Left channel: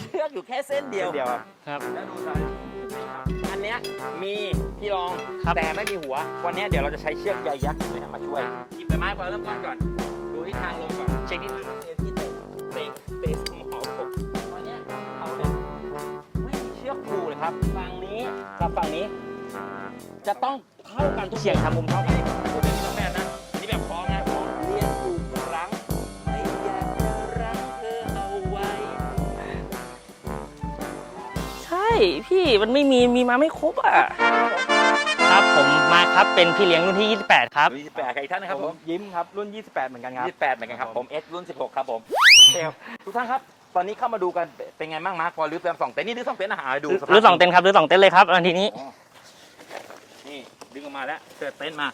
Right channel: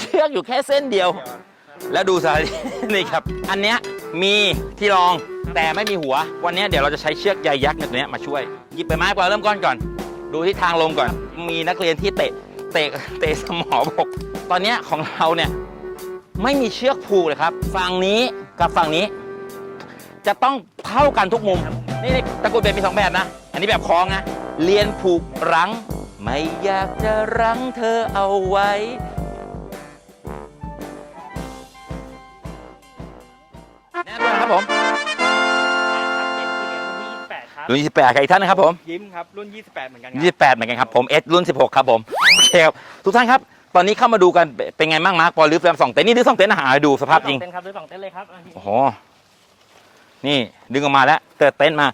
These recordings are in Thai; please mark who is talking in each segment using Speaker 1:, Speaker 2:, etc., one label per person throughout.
Speaker 1: เชือกอยู่แค่เส้นเดียว
Speaker 2: เดียวครับ
Speaker 3: ครับ
Speaker 1: แล้วดูสาย นี่ครับ อันเนี้ยมีที่รอง
Speaker 3: ครับ
Speaker 1: แต่ไม่มีหัว วันเนี้ยเดี๋ยวเราจะใช้เชือกใยยักษ์ตัวเนี้ยมาช่วยหยิบไปไม้ก่อนเริ่มก้อนก่อน ดูที่ทางลมก่อนจึงมีนักเรียนที่เตะเตะเตะสมอบกตอนเนี้ยของเราเนี่ยไม่มีเชือกผูกเลยครับฝั่งนี้กับฝั่งนี้ จะต้องเท่ากันทุกวง
Speaker 3: ครับผม
Speaker 1: นี่นี่ตะกรุดเป็นมีสองแบบนะ อันนี้แบบคล้องนะเรียนผูกรั้ง ไม่อยากจะรั้งเธอเอาไว้
Speaker 3: ใช่ พี่มันไม่มีมีมาไม่ครบอะ
Speaker 1: ครับผม
Speaker 3: ครับผมมาครับเป็นพี่เลี้ยงรุ่นที่ 28 ครับ
Speaker 1: รุ่น28กับอีกท่านนะครับผม
Speaker 2: ยิ้มครับรุ่น 28 เหมือนกันครับ
Speaker 1: 28เหมือนกันครับผมเอสรุ่น 16 ครับผมโอเคครับทุกท่านครับตอนนี้เข้ามาดูกันเป็นไงบ้างมาร์คพอรื้อแฟมสองเต็นท์นี่รื้อสองเต็นท์อาหารดูสภา
Speaker 3: รื้
Speaker 1: พ
Speaker 3: อสองเต็นท์ครับรื้อสองเต็นท์เลยครับอันทีนี้
Speaker 1: โอ้นี่ดึงออกมาแล้วเติร์เต็นท์มา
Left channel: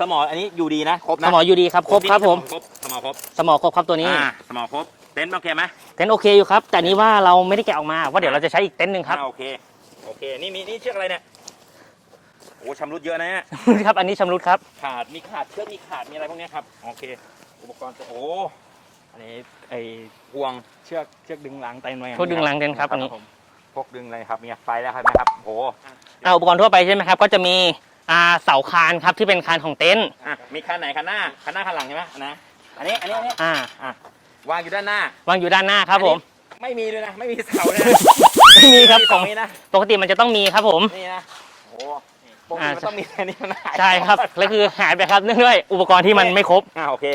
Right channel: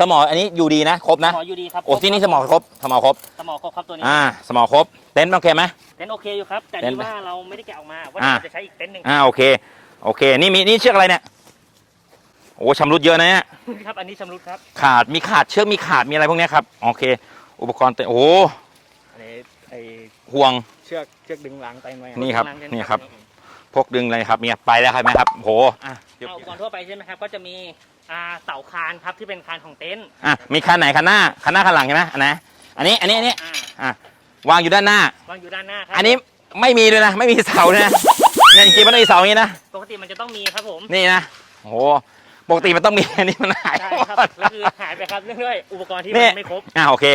Speaker 1: สมออันนี้อยู่ดีนะครบ
Speaker 3: ส
Speaker 1: นะ
Speaker 3: มออยู่ดีครับค
Speaker 1: โอ้
Speaker 3: รบ
Speaker 1: ที่
Speaker 3: ครั
Speaker 1: นี่
Speaker 3: บ
Speaker 1: ส
Speaker 3: ผม
Speaker 1: อครบสมอครบ
Speaker 3: สมอครบครับตัวนี้
Speaker 1: อ่าสมอครบเต็นท์โอเคไหม
Speaker 3: เต็นท์โอเคอยู่ครับ แต่นี้
Speaker 1: เต็นท์
Speaker 3: ว่าเราไม่ได้แกะออกมาว่าเดี๋ยว
Speaker 1: อ่า
Speaker 3: เราจะใช้อีกเต็นท์หนึ่งค
Speaker 1: อ่า
Speaker 3: รับ
Speaker 1: โอเคโอเค นี่มีนี่เชือกอะไรเนี่ยโอ้ชำรุดเยอะนะเนี่ย
Speaker 3: ครับ อันนี้ชำรุดครับ
Speaker 1: ขาดมีขาดเชือกมีขาดมีอะไรพวกเนี้ยครับโอเค อุปกรณ์เต็นท์โอ้
Speaker 2: อันนี้ไอ
Speaker 1: ห่วง
Speaker 2: เชือกเชือกดึงหลังเต็นท์ไว้
Speaker 3: พูด
Speaker 1: นี่
Speaker 3: ถึ
Speaker 1: ครับ
Speaker 3: งหลังเต็นท์ครับ
Speaker 1: นี่ครับ
Speaker 3: อันนี้
Speaker 1: พกดึงเลยครับมีไปแล้วครับไหมครับโห
Speaker 3: เอาอุปกรณ์ทั่วไปใช่ไหมครับ ก็จะมีอ่าเสาคานครับที่เป็นคานของเต็นท์
Speaker 1: อะมีคันไหนคันหน้าคันหน้าคันหลังใช่ไหมอันไหนอันนี้อันนี้อันนี้
Speaker 3: อ่า
Speaker 1: อะ วางอยู่ด้านหน้า
Speaker 3: วางอยู่ด้านหน้าครับ
Speaker 1: อันนี้
Speaker 3: ผม
Speaker 1: ไม่มีเลยนะ ไม่มีเสานะไม่มีไม่มีเสานี้นะ
Speaker 3: ปกติมันจะต้องมีครับผม
Speaker 1: นี่นะโอ้โหปกติมันต้องมีอันนี้มันหาย
Speaker 3: ใช่ครับแล้วคือหายไปครับเนื่องด้วยอุปกรณ์ที่มันไม่ครบ
Speaker 1: อะโอเค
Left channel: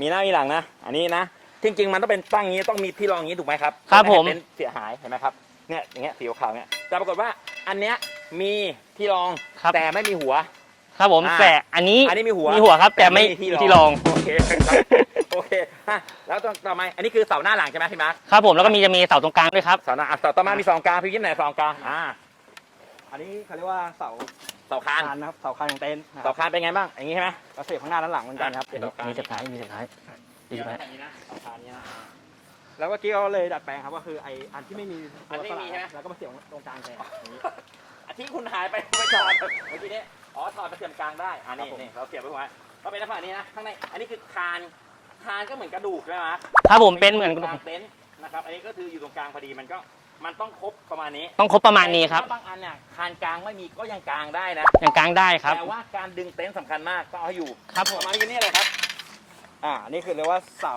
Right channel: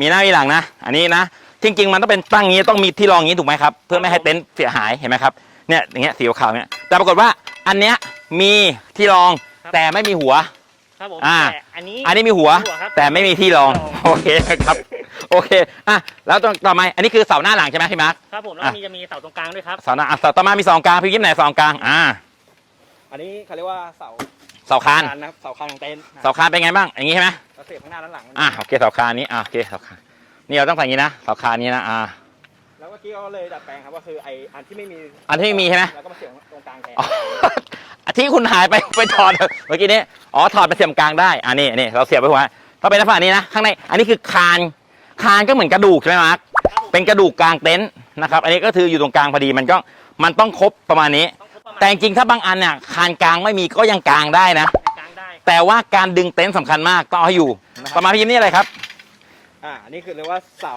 Speaker 1: มีหน้ามีหลังนะ อันนี้นะจริงๆมันต้องเป็นตั้งงี้ต้องมีที่รองงี้ถูกไหมครับเพื่อไม่ให้
Speaker 3: ผม
Speaker 1: เต็นท์เสียหายเห็นไหมครับเนี่ยอย่างเงี้ยสีขาวๆเนี่ยแต่ปรากฏว่าอันเนี้ยมีที่รอง
Speaker 3: ครับ
Speaker 1: แต่ไม่มีหัว
Speaker 3: ครับผม
Speaker 1: อ่า
Speaker 3: แต่อันนี้
Speaker 1: อันนี้มีหัว
Speaker 3: มีหัวครับ
Speaker 1: แต่ไม่มีที่รอง
Speaker 3: ที่รอง
Speaker 1: โอเคครับ โอเคอะแล้วต่อต่อมาอันนี้คือเสาหน้าหลังใช่ไหมพี่มาร์ค
Speaker 3: ครับผมแล้วก็
Speaker 1: อะ
Speaker 3: มีจะมีเสาตรงกลางด้วยครับ
Speaker 1: เสาหน้าอะเสาต่อมามีสองกลางพี่ยิ้มไหนสองกลางอ่า
Speaker 2: อันนี้เขาเรียกว่าเสา
Speaker 1: เสาคาน
Speaker 2: คานนะครับเสาคานของเต็นท์นะ
Speaker 1: เสาคานเป็นไงบ้างอย่างงี้ใช่ไหม
Speaker 2: เราเสียบข้างหน้าด้านหลังมัน
Speaker 1: อะโอเคเสาคานนี้อะโอเคเสาคานนี่เราต้องใส่อย่างนี้นะเสาคานนี้นะอ่า
Speaker 2: แล้วเมื่อกี้เขาเลยดัดแปลงครับก็คือไออันที่ไม่มี
Speaker 1: อันที่ไม่มีใช่ไหม
Speaker 2: เราก็มาเสียบตรงกลางแทน
Speaker 1: อ๋อที่คุณหายไป ไปถอดเมื่อกี้นี้อ๋อถอดไปเสียบกลางได้อ่านี่นี่เราเสียบไปหัวถ้าเป็นลักษณะนี้นะข้างในอันนี้คือคาน คานก็เหมือนกระดูกใช่ไหมมาร์ค
Speaker 3: ครับผม
Speaker 1: เป็นกระดูกกลางเต็นท์นะครับ อันนี้ก็คืออยู่ตรงกลางพอดีมันก็มันต้องครบประมาณนี้
Speaker 3: ต้องครบประมาณ
Speaker 1: แต่จ
Speaker 3: นี้
Speaker 1: ริงๆ
Speaker 3: ค
Speaker 1: ถ้า
Speaker 3: บ
Speaker 1: บางอันเนี่ยคานกลางไม่มีก็ยังกลางได้นะ
Speaker 3: อย่างกลางได้ครับ
Speaker 1: แต่ว่าการดึงเต็นท์สำคัญมากต้องเอาให้อยู่
Speaker 3: ครับ
Speaker 1: ประมาณพี่ยิ้มนี่อะไรครับ
Speaker 2: อ่าอันนี่คือเรียกว่าเสา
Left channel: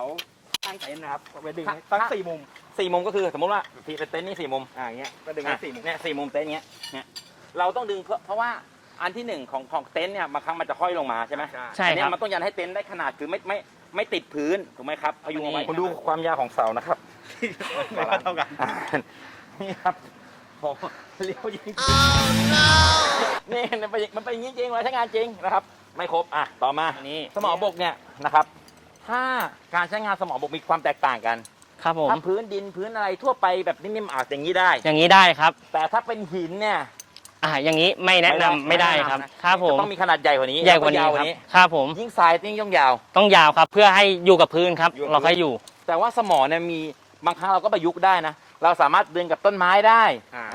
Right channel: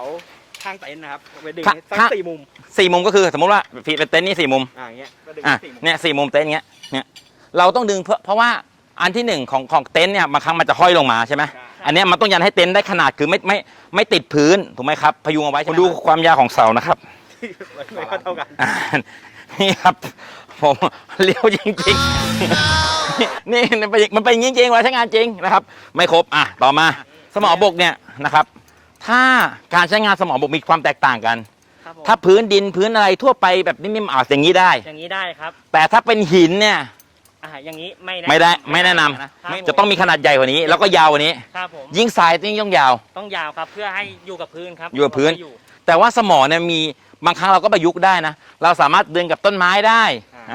Speaker 2: ข้างเต็นท์นะครับเป็นดึง
Speaker 1: ข้าง
Speaker 2: ให้ตั้ง
Speaker 1: ข้าง
Speaker 2: สี่มุม
Speaker 1: สี่มุมก็คือสมมติว่าเป็นเต็นท์นี่สี่มุม
Speaker 2: อ่าอย่างเงี้ยก็ดึง
Speaker 1: อะ
Speaker 2: ให้สี่มุม
Speaker 1: เนี่ยสี่มุมเต็นท์เงี้ยเนี่ยเราต้องดึงเพื่อเพราะว่า อันที่หนึ่งของของเต็นท์เนี่ยบางครั้งมันจะห้อยลงมาใช่ไหม
Speaker 3: ใช่
Speaker 1: อันเนี้ย
Speaker 3: ครับ
Speaker 1: มันต้องยันให้เต็นท์ได้ขนาดคือไม่ไม่ไม่ติดพื้นถูกไหมครับพยุงเอาไว้คุณดูความยาวของเสานะครับ
Speaker 2: ไม่เท่ากัน
Speaker 1: อ่านี่ครับ ผมเลี้ยวจริงๆนี่มันเป็นมันเป็นจริงๆว่าใช้งานจริงนะครับ ไม่ครบอะต่อมา
Speaker 3: นี่
Speaker 1: สมอบกเนี่ยนะครับ ถ้าการใช้งานสมอบกมีความแตกต่างกัน
Speaker 3: ครับผม
Speaker 1: ถ้าพื้นดินพื้นอะไรทั่วไปแบบนิ่มๆอะอย่างนี้ได้
Speaker 3: อย่างนี้ได้ครับ
Speaker 1: แต่ถ้าเป็นหินเนี่ย
Speaker 3: อ่าอย่างนี้ไม่แนะ
Speaker 1: ไม่ได้
Speaker 3: นำ
Speaker 1: ไม่แนะน
Speaker 3: ครับำ
Speaker 1: จะต้องมีขนาดใหญ่กว่านี้ แล้วก็ยาวกว่านี้
Speaker 3: ครับผม
Speaker 1: ยิ่งทรายยิ่งต้องยาว
Speaker 3: ต้องยาวครับ เพื่อให้อยู่กับพื้นครับ
Speaker 1: อยู่กับพื้น
Speaker 3: เราให้อยู่
Speaker 1: แต่ว่าสมอเนี่ยมีบางครั้งเราก็ประยุกต์ได้นะ เราสามารถดึงกับต้นไม้ได้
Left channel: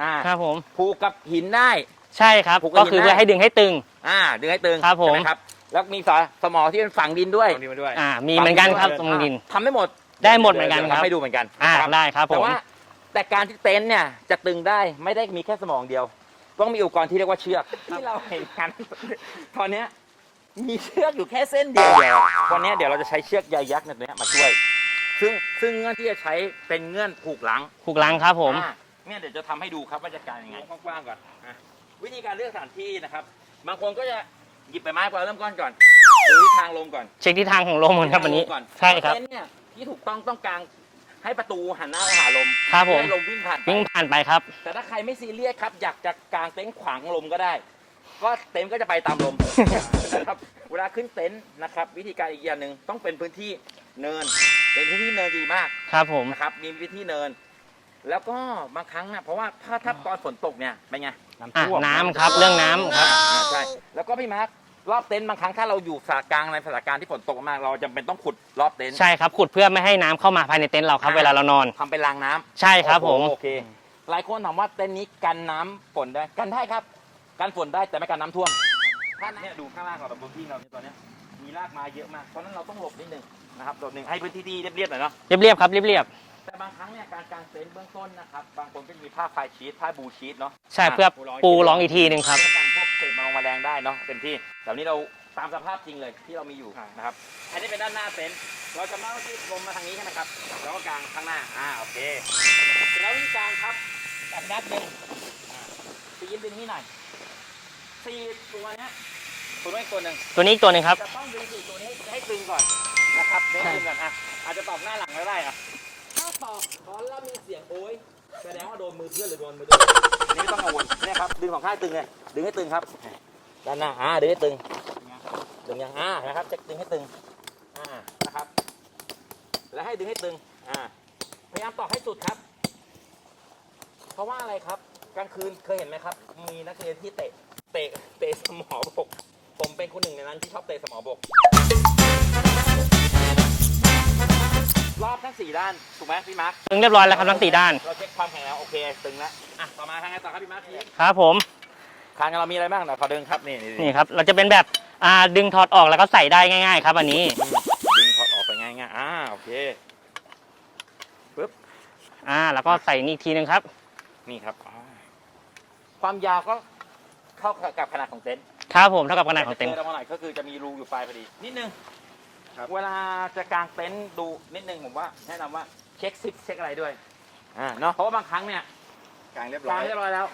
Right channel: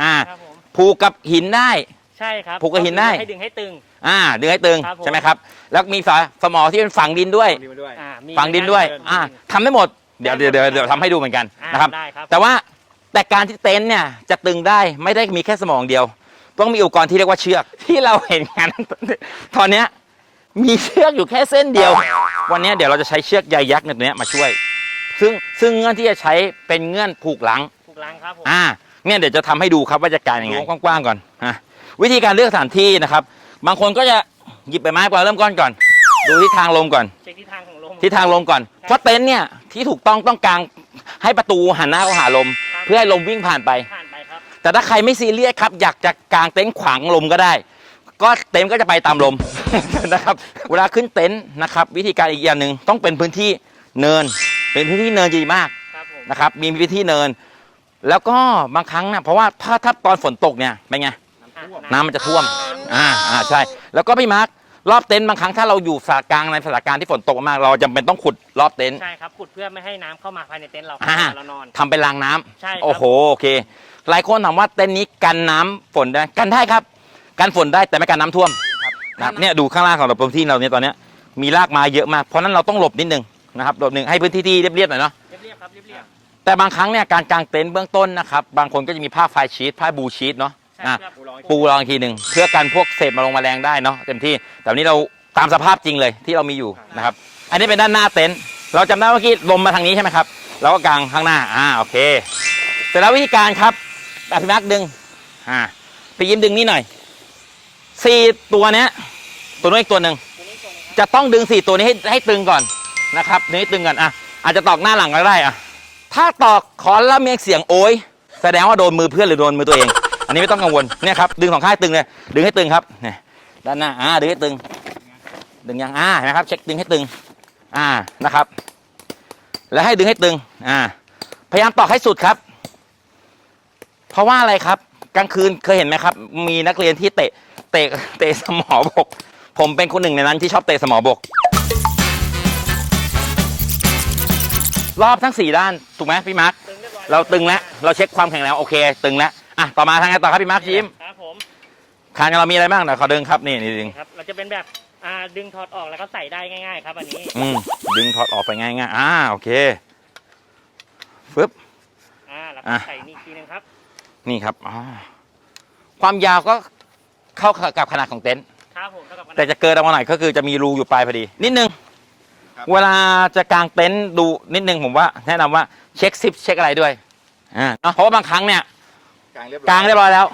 Speaker 1: อ่า
Speaker 3: ครับผม
Speaker 1: ผูกกับหินได้
Speaker 3: ใช่ครับ
Speaker 1: ผูกกับหิน
Speaker 3: คือ
Speaker 1: ได้
Speaker 3: ให้ดึงให้ตึง
Speaker 1: อ่าดึงให้ตึง
Speaker 3: ครับผม
Speaker 1: ใช่ไหมครับ แล้วมีสอสมอที่เป็นฝังดินด้วย
Speaker 2: เอาดีมาด้วย
Speaker 3: อ่ามี
Speaker 1: ฝังดินด้วย
Speaker 3: เหมือนกันครับตรง
Speaker 1: อ่า
Speaker 3: ดิน
Speaker 1: ทำได้หมด
Speaker 3: ได้หมด
Speaker 1: เดี๋ยว
Speaker 3: เหมือนกัน
Speaker 1: เดี๋ยว
Speaker 3: ครับ
Speaker 1: ทำให้ดูเหมือนกัน
Speaker 3: อ่า
Speaker 1: นะครับ
Speaker 3: ได้ครับผม
Speaker 1: แต่ว่าแต่การที่เต็นท์เนี่ยจะตึงได้ไม่ได้มีแค่สมองเดียว ต้องมีอุปกรณ์ที่เรียกว่าเชือกที่เราเห็นกันตอนเนี้ยมีเชือกอยู่แค่เส้นเดียว วันเนี้ยเดี๋ยวเราจะใช้เชือกใยยักษ์เนี่ยตัวเนี้ยมาช่วย ซึ่งซึ่งเงื่อนที่จะใช้เป็นเงื่อนผูกหลัง
Speaker 3: ผูกลังครับผม
Speaker 1: อ่าเนี่ยเดี๋ยวจะทำให้ดูครับว่าจะการยังไงกว้างๆก่อนอะวิธีการเลือกสถานที่นะครับ บางคนก็จะหยิบไปไม้ก่อนเริ่มก้อนก่อนดูทิศทางลมก่อน
Speaker 3: เช็คทิศทางของลม
Speaker 1: ทิศทางลมก่อน
Speaker 3: ใช่
Speaker 1: เพราะเต็นท์เนี่ยที่ถูกต้องต้องกาง ให้ประตูหันหน้าเข้าหาลม
Speaker 3: ครับผม
Speaker 1: เพื่อให้ลมวิ่งผ่านไป
Speaker 3: ไปผ่านไปครับ
Speaker 1: แต่ถ้าใครไม่ซีเรียสครับ อยากจะกางเต็นท์ขวางลมก็ได้ ก็เต็นท์ก็จะไปตามลม นะครับเวลาขึ้นเต็นท์นะครับวิธีการอีกอย่างหนึ่งต้องเป็นพื้นที่เนิน เป็นพื้นที่เนินดีมาก
Speaker 3: ครับผม
Speaker 1: นะครับมีพื้นที่เนิน แล้วก็บางครั้งนะเพราะว่าถ้าถ้าตอนฝนตกเนี่ยเป็นไง
Speaker 2: น้ำ
Speaker 3: อะ
Speaker 2: ท่วม
Speaker 1: น้ำมันจะ
Speaker 3: ครับ
Speaker 1: ท่วม
Speaker 3: เรื่องน้ำ
Speaker 1: อ่าอ่าใช่ แล้วก็พี่มาร์ค รอบเต็นท์บางครั้งถ้าเราอยู่สถานกลางในสถานการณ์ที่ฝนตกมากๆเราจำเป็นต้องขุดรอบเต็นท์
Speaker 3: ใช่ครับขุดเพื่อไม่ให้น้ำเข้ามาภายในเต็นท์เราครับ
Speaker 1: อ่า
Speaker 3: เวลาเรานอน
Speaker 1: ทำเป็นรางน้ำ
Speaker 3: ใช่ค
Speaker 1: โอ้
Speaker 3: รับ
Speaker 1: โห
Speaker 3: ผม
Speaker 1: โอเคหลายคนถามว่าเต็นท์นี้กันน้ำฝนได้ไหมกันได้ครับ กันฝนได้แต่ไม่กันน้ำท่วมนะครับเนี่ยดูข้างล่างของเราพื้นที่เราเนี่ยตอนเนี้ยมีรากไม้เยอะมากเพราะฉะนั้นเราต้องหลบนิดนึงนะครับหลบหนึ่งให้พื้นที่ที่เรียบๆหน่อยเนาะ
Speaker 3: เรียบๆครับเรียบ
Speaker 1: แต่บางครั้งเนี่ยการกางเต็นท์เบื้องต้นนะครับ บางคนก็จะมีผ้าไฟชีตผ้าบูชีตเนาะ
Speaker 3: ใช่
Speaker 1: อะ
Speaker 3: เพื่อ
Speaker 1: ปู
Speaker 3: ปู
Speaker 1: ร
Speaker 3: ร
Speaker 1: อ
Speaker 3: องง
Speaker 1: อี
Speaker 3: อี
Speaker 1: ก
Speaker 3: ก
Speaker 1: ที
Speaker 3: ที
Speaker 1: ห
Speaker 3: ห
Speaker 1: นึ่
Speaker 3: นึ่
Speaker 1: ง
Speaker 3: งครับ
Speaker 1: เพื่อกันพวกเศษมาลงแมลงได้เนาะเต็มที่ แต่วันนี้เราตามสภาพจริงเลยที่เรามีอยู่นะครับ อันนี้เป็นด้านหน้าเต็นท์เราจำได้เมื่อกี้ลมมาทางนี้ใช่ไหมครับเราก็กางข้างหน้าอ่าโอเคเสร็จแล้ววิธีการครับแบบพี่แม็กดึงอ่าพี่ยิ้มดึงนี่หน่อยสี่ตัวเนี้ยตัวนู้นอีกตัวหนึ่ง
Speaker 3: ตัวนี้อีกตัวหนึ่งครับ
Speaker 1: จะต้องดึงสี่ตัวนี้ให้ให้ตึงก่อนนะครับดึงให้ตึงก่อนอะอาจจะตอกหน้าหลังก็ได้อะ ถ้าตอกขอนแล้วมีเสียงโอยแสดงว่าโดนมือเพื่อนหรือโดนมือตัวเอง อันนี้ไม่ต้องกังวลเนี่ยครับดึงสองข้างให้ตึงเลยดึงให้ตึงครับเนี่ยด้านหน้าอ่าดึงให้ตึง ดึงยังอ่านไหมครับเช็คดึงให้ตึง อ่านะครับ แล้วให้ดึงให้ตึงอ่าพยายามตอกให้สุดครับ เพราะว่าอะไรครับ กลางคืนเคยเห็นไหมครับ มีนักเรียนที่เตะเตะเตะสมอบก ผมเป็นคนหนึ่งในนั้นที่ชอบเตะสมอบก รอบทั้งสี่ด้าน ถูกไหมพี่มาร์ค
Speaker 3: ตึงเรียบร้อยแล้ว
Speaker 1: เรา
Speaker 3: ครับ
Speaker 1: ตึง
Speaker 3: ทั้
Speaker 1: แล้ว
Speaker 3: สี่ด้าน
Speaker 1: เราเช็คความแข็งแรงโอเค ตึงแล้วอะต่อมาทางไงต่อครับพี่มาร์คยิ้ม
Speaker 3: ครับผม
Speaker 1: คานเรามีอะไรบ้างเดี๋ยวขอดึงครับนี่นี่นี่
Speaker 3: นี่ครับเราจะเป็นแบบอ่าดึงถอดออกแล้วก็ใส่ได้ง่าย ๆ ครับอันนี้
Speaker 1: อืมดึงถอดออกไปง่ายๆอ่าโอเคปึ๊บ
Speaker 3: อ่าแล้วก็
Speaker 1: อะ
Speaker 3: ใส่นี่อีกทีหนึงครับ
Speaker 1: นี่ครับอ่าความยาวก็เข้ากับขนาดของเต็นท์
Speaker 3: ครับผมเท่ากับขนาด
Speaker 1: แต่จะเกินออกมาหน่อยก็คือจะมีรูอยู่ปลายพอดี นิดนึง เวลาจะกางเต็นท์ดูนิดนึงผมว่าแนะนำว่าเช็คซิปเช็คอะไรด้วยอ่าเนาะเพราะว่าบางครั้งเนี่ย
Speaker 2: กลางเรียบ
Speaker 1: กางเรียบร้อยแล้ว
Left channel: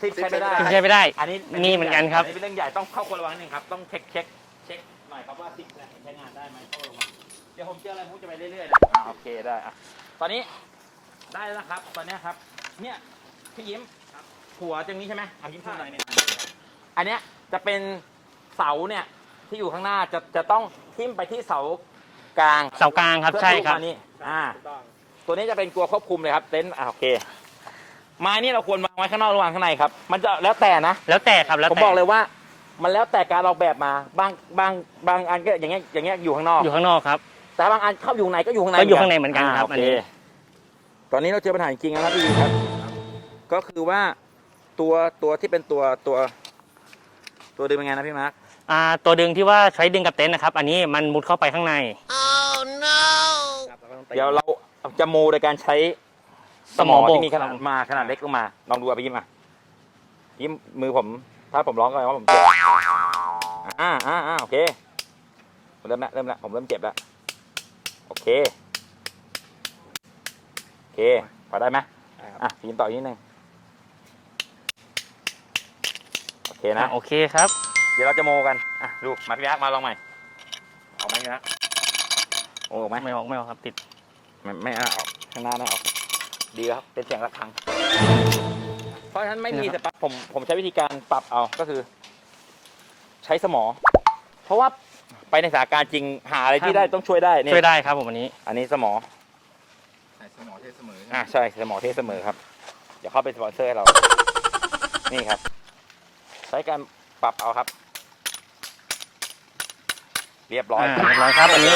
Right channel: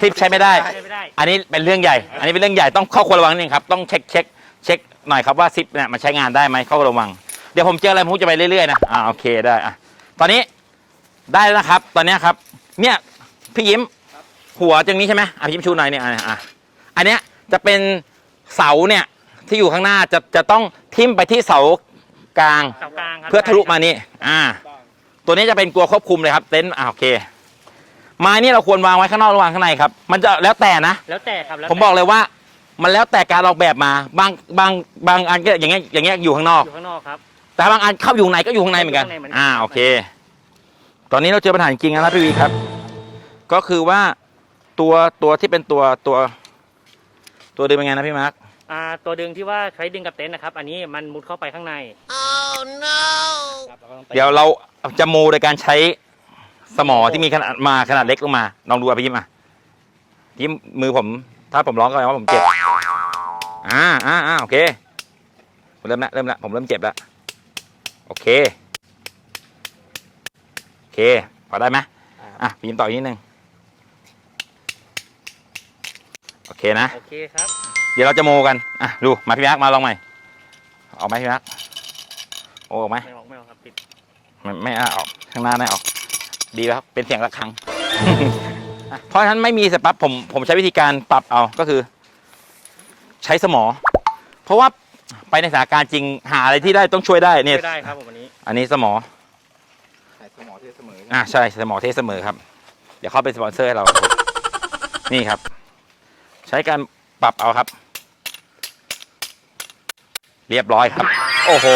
Speaker 1: ซิปใช้ไม่ได้
Speaker 3: ใช้ไม่ได้
Speaker 1: อันนี้เป็นเรื่องใหญ่
Speaker 3: มีเหมือนกันครับ
Speaker 1: อันนี้เป็นเรื่องใหญ่ต้องเข้าควรระวังนิดนึงครับ ต้องเช็คเช็คเช็คหน่อยครับว่าซิปเนี่ยมันใช้งานได้ไหมเข้าระวัง เดี๋ยวผมเจออะไรผมจะไปเรื่อยๆนะ อ่าโอเคได้อะตอนนี้ได้แล้วนะครับ ตอนเนี้ยครับ เนี่ยพี่ยิ้มหัวตรงนี้ใช่ไหมอะพี่ยิ้มชูหน่อยเนี่ยอะอะอันเนี้ยจะเป็นเสาเนี่ย ที่อยู่ข้างหน้าจะจะต้องทิ่มไปที่เสากลาง
Speaker 3: เสากลางครับ
Speaker 1: เพื่อทะลุ
Speaker 3: ใช่ครับ
Speaker 1: มานี่อ่า
Speaker 2: ต้อง
Speaker 1: ตัวนี้จะเป็นตัวควบคุมเลยครับเต็นท์อ่าโอเคไม้นี่เราควรวางไว้ข้างนอกหรือวางข้างในครับ มันจะแล้วแต่นะ
Speaker 3: แล้วแต่ครับแล้ว
Speaker 1: ผม
Speaker 3: แต่
Speaker 1: บอกเลยว่า มันแล้วแต่การออกแบบมาบางบางบางอันก็อย่างเงี้ยอย่างเงี้ยอยู่ข้างนอก
Speaker 3: อยู่ข้างนอกครับ
Speaker 1: แต่บางอันเข้าอยู่ข้างในก็อยู่ข้างใน
Speaker 3: ก็อยู่ข้างในเหมือนกัน
Speaker 1: อ่า
Speaker 3: ครับ
Speaker 1: โอเค ตอนนี้เราเจอปัญหาจริงๆแล้วพี่ครับ ก็คือว่าตัวตัวที่เป็นตัวตัว ตัวดึงเป็นไงนะพี่มาร์ค
Speaker 3: อ่าตัวดึงที่ว่าใช้ดึงกับเต็นท์นะครับ อันนี้มันมุดเข้าไปข้างใน
Speaker 1: เดี๋ยวเราจะโมโดยการใช้สมอ
Speaker 3: สมอบก
Speaker 1: ที่มีขนาดมาขนาดเล็กลงมาลองดูอะพี่ยิ้มอะยิ้มมือผม ถ้าผมร้องก็แปลว่าผมเจ็บอ่าอ่าอ่าโอเคผมเริ่มละเริ่มละผมเริ่มเจ็บแล้วโอเคโอเคพอได้ไหมอะพี่ยิ้มต่ออีกนิดนึงโอเคนะ
Speaker 3: โอเคครับ
Speaker 1: เดี๋ยวเราจะโมกัน อะ ดู มาพี่ยักษ์มาลองใหม่ ออกไหมพี่ยักษ์โอ้ออกไหม
Speaker 3: ไม่ออกไม่ออกครับติด
Speaker 1: ไม่ไม่เอาออก ข้างหน้าได้ออก ดีแล้วเป็นเสียงระฆัง เพราะฉะนั้นไม่มีเสร็จปั๊บผมผมใช้วิธีการปรับเอา ก็คือ ใช้สมอ เพราะว่าไปในสถานการณ์จริงหาอะไรที่ได้ต้องช่วยได้เนี่ย
Speaker 3: ช่วยได้ครับผมอันนี้
Speaker 1: อันนี้สมอ
Speaker 2: แต่สมอเทเสมอ
Speaker 1: อ่าใช่สมอเทเสมอครับ เดี๋ยวเขาเป็นสปอนเซอร์ให้เรา นี่ครับ ใช้การปรับเอาครับ เรียบร้อยครับ
Speaker 3: เรียบร้อยครับ
Speaker 1: โอ้โห